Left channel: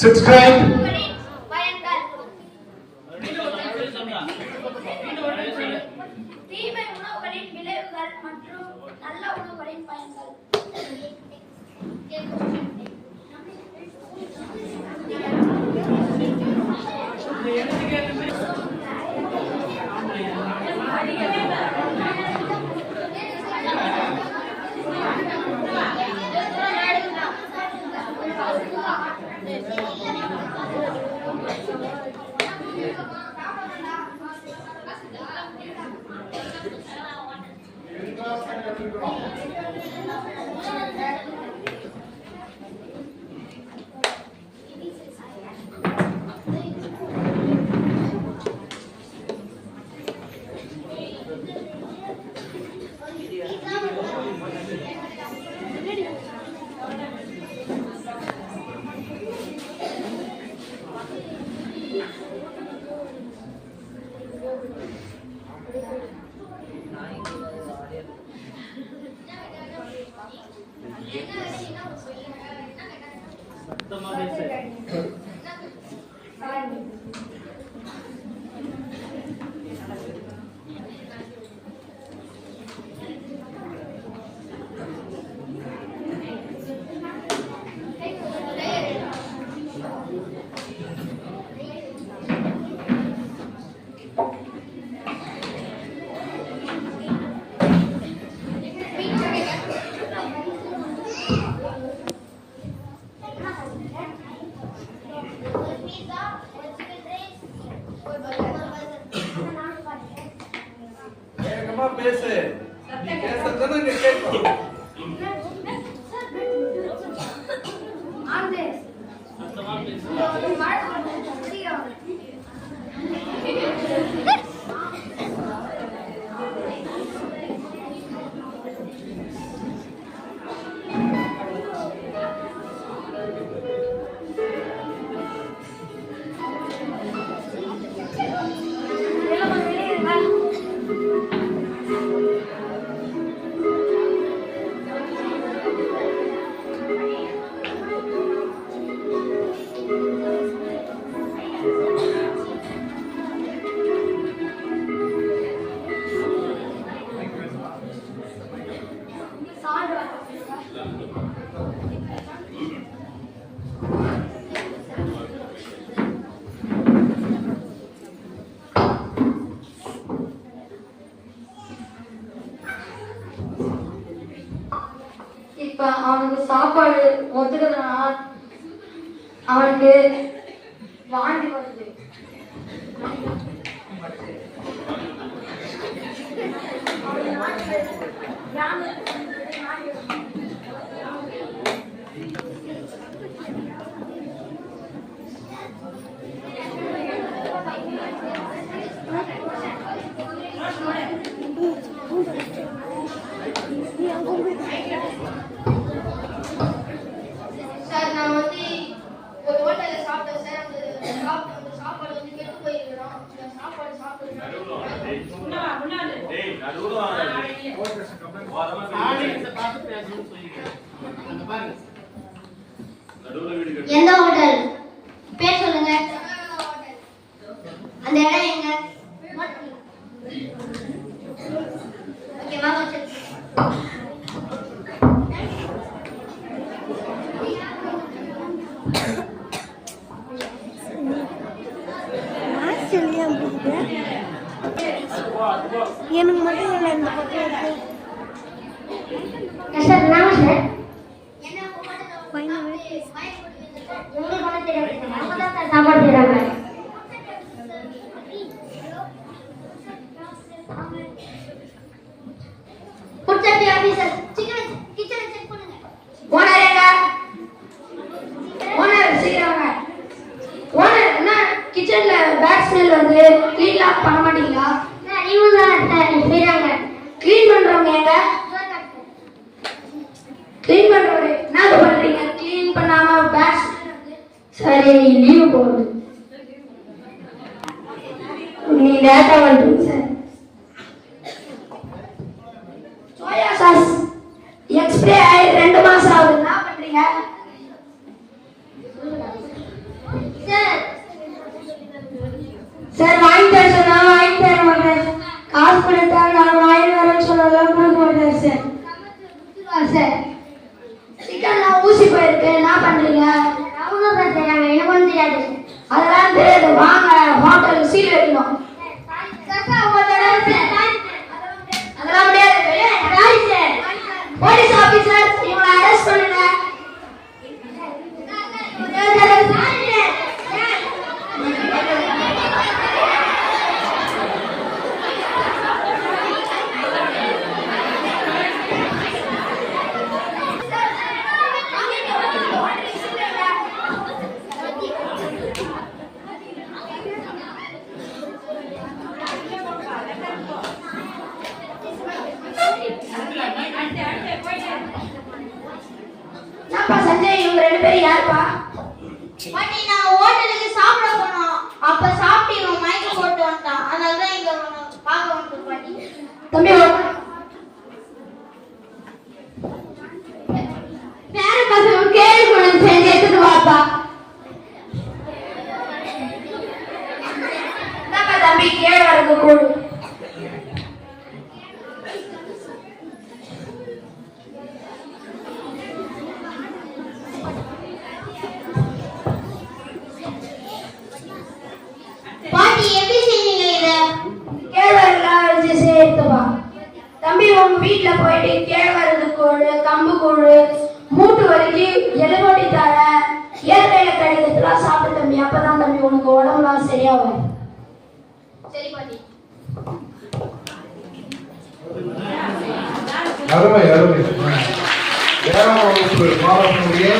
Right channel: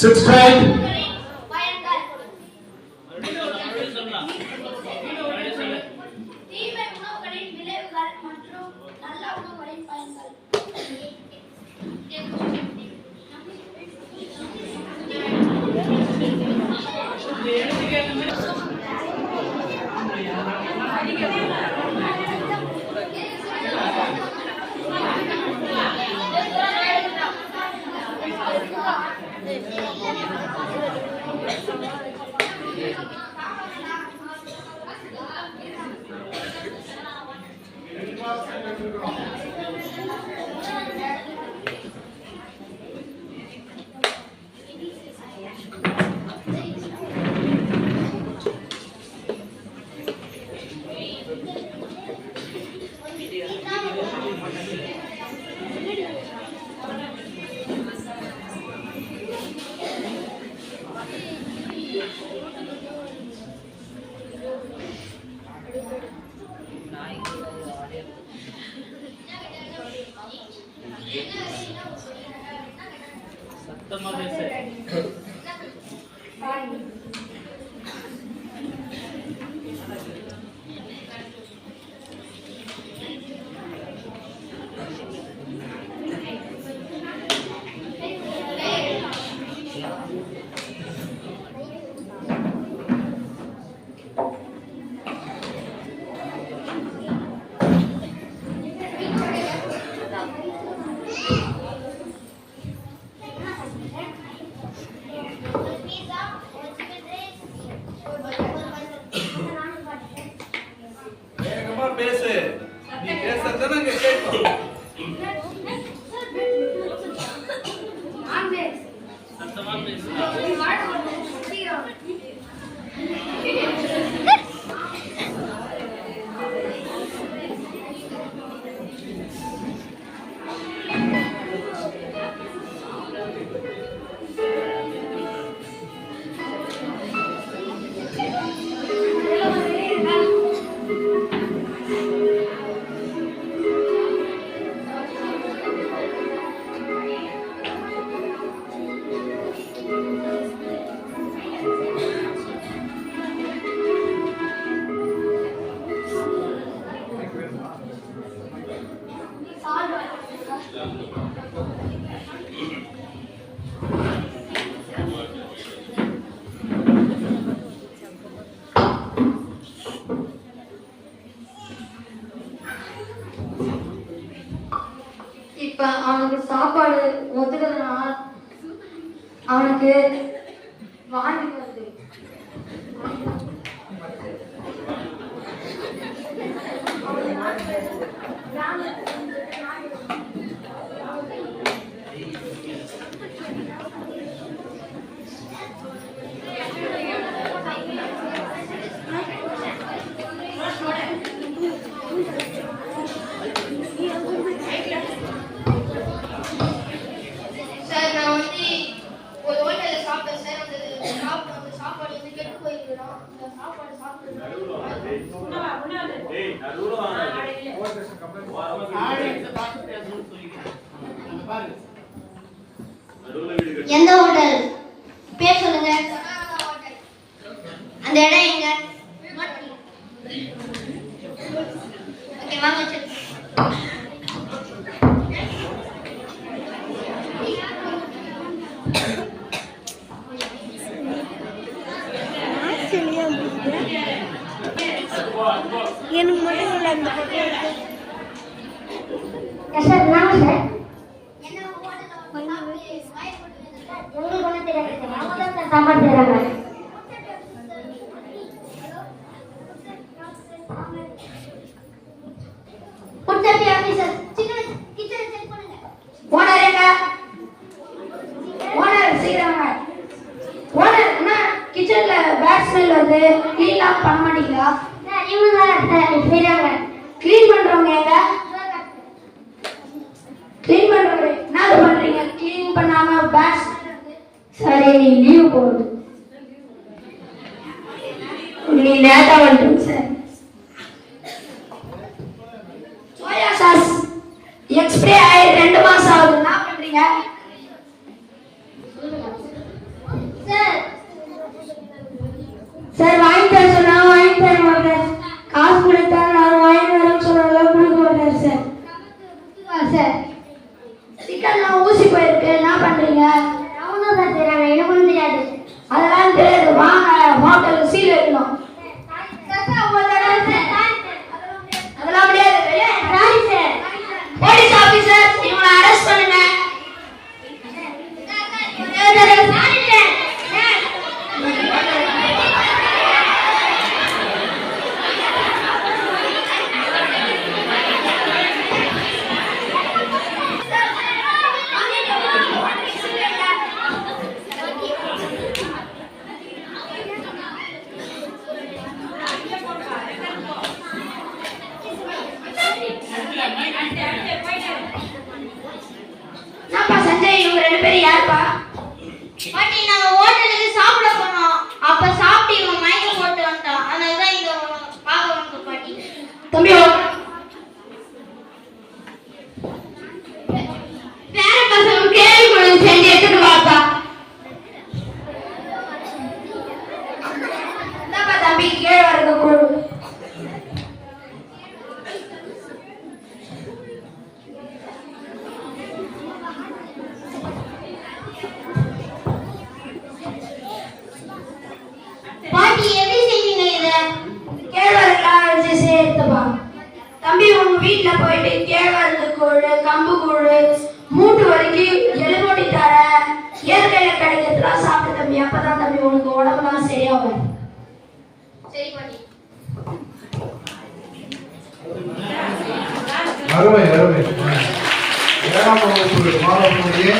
subscribe. தீமை உணவுகளின் விளைவுகள் மற்றும் நல்ல உணவுகளின் பயன்கள். பேசு நீ பேசுறத நாங்க கேட்போம் சத்தமா பேசு இப்ப அவனுக்கு சாப்பாடு ஒத்துக்கிறதுனால அவனுக்கு வாந்தி வருது. எந்த ஹோட்டல் பேர் சொல்லுங்க. அந்த இடம் எங்க? ஓகேவா? எனக்கு மட்டும் இல்லை அந்த சார் நாம சார் சாப்பாடு செய்யறாங்க. கிச்சன்ல பேட் ஸ்மெல் வருது, கிளீன் பண்ண மாட்டீங்களா? கிளீன் பண்றவங்க எங்க? கிளீன் பண்றவங்க என்ன பண்றீங்க? கிளீன் பண்ணாம பேட் சரி லீவு போகுது. நீ லேட்டா வந்துருங்க சார். சோயா சாஸ் எக்ஸ்பிரி ஆகி 2 மாசம் ஆகுது. என்ன பண்றீங்க? சார் வாங்கி தர சொன்னா வாங்கி தர மாட்டேன். காசு கொடுத்தா நான் வாங்கி வரேன்னு சொன்னாலும் கொடுக்க மாட்டேன் சார். சார் சிக்கன்லாம் ஊசி போயிருக்கு, என்ன பண்றீங்க? அவனும் சார் தெரியாம எனக்கும் தெரியாது. அதெல்லாம் தெரியாது, வாங்க ஹோட்டலுக்கு சீல் வைக்கணும். அதெல்லாம் முடியாது. போலீஸ் ஆபீசர் இவங்களை அரெஸ்ட் பண்ணுங்க. என்னப்பா சஞ்சய், இவங்க ரெண்டு பேரும் யாருப்பா? பாட்டி, நான் ஹோட்டலுக்கு சாப்பிட போனோம். அப்ப சாப்பிட்டு இவன் மயக்கம் போட்டு வந்துட்டான். அதனால தான் இங்க பார்க்க வந்தோம் பாட்டி. தம்பி வேற பசங்க கேள்வி கொண்டு செஞ்சு எடுத்துட்டு வாப்பா. என்னப்பா தம்பி கேழ்வரகு கூழ். பாட்டி, எப்படி செஞ்சீங்க இத? கேழ்வரகுலாம் வச்சு சேர்த்துப்பா. தம்பி உங்க வீட்டுல போயிட்டு கேழ்வரகு கூழ், கம்பு கூழ், மூட்டு வரைக்கும் எலும்பொடி தர இயற்கையில கிடைக்கிறதுலாம் சாப்பிட்டு தம்பி. அப்பதான் தம்பி உனக்கு உடம்புலாம் சரியா வரும். சரி பாட்டி. அருமை அருமை. 7ஆம் வகுப்பு மாணவர்களுடைய